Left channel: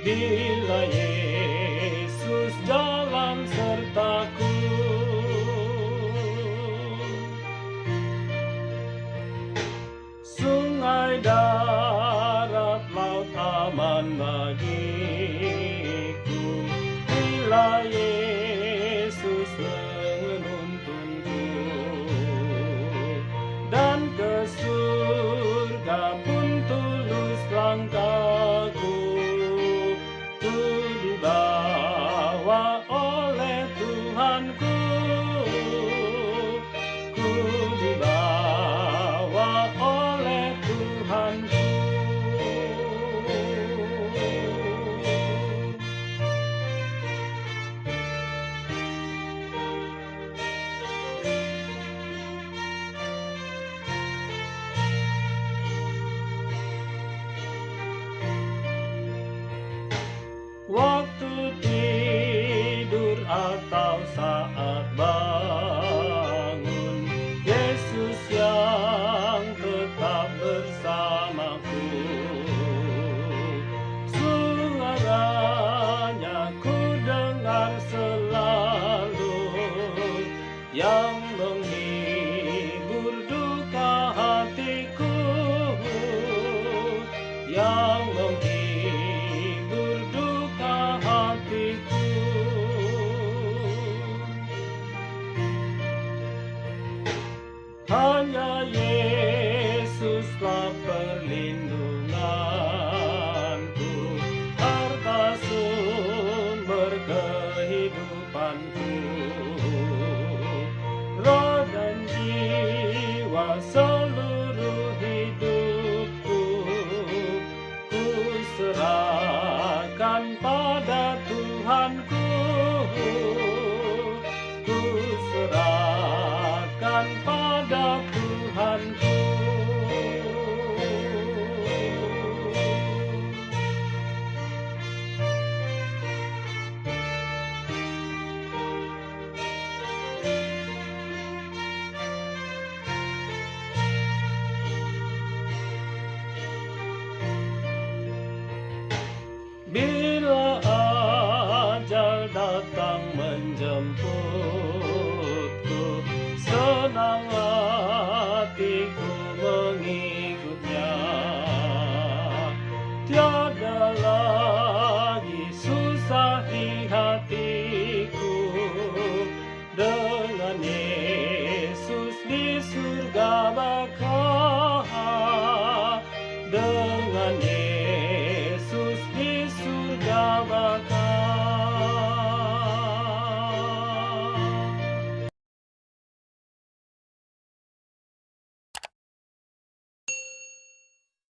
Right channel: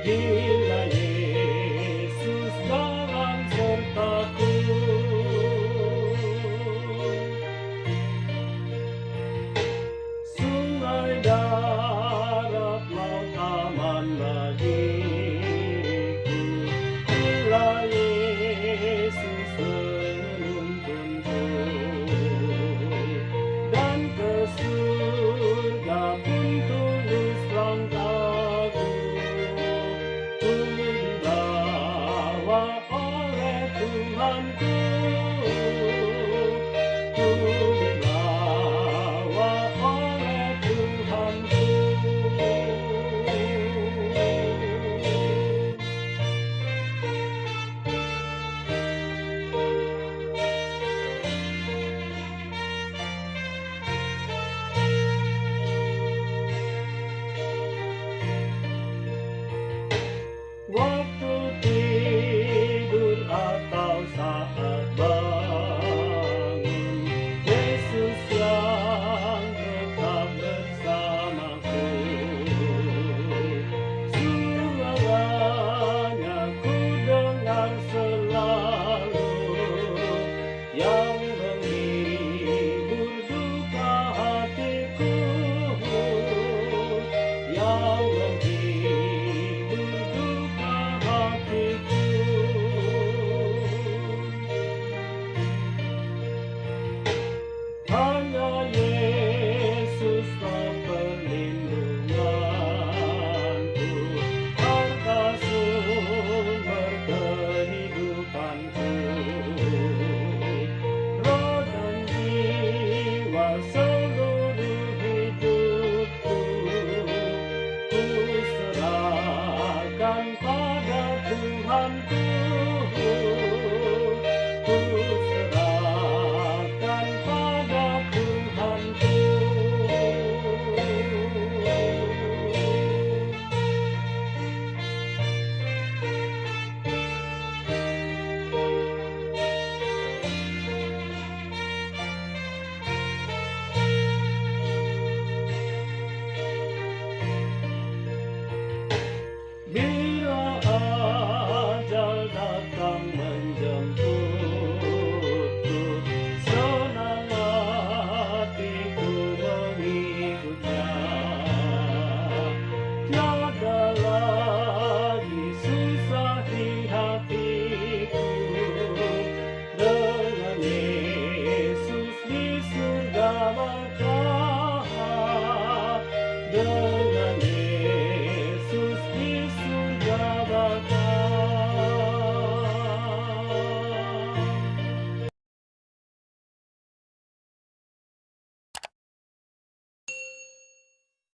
Bila Yesus dalam sertaku, sungai, darat, laut aman bagiku. Bila Yesus menuntunku, dan ke surga pun tulus langkahku, ku dibawa oleh Tuhanku, ku dibawa oleh Tuhanku. Waktu tidur atau saat bangun, Yesus yang tetap bersamaku. Suaranya ku dengar selalu, yang menghibur duka hatiku, yang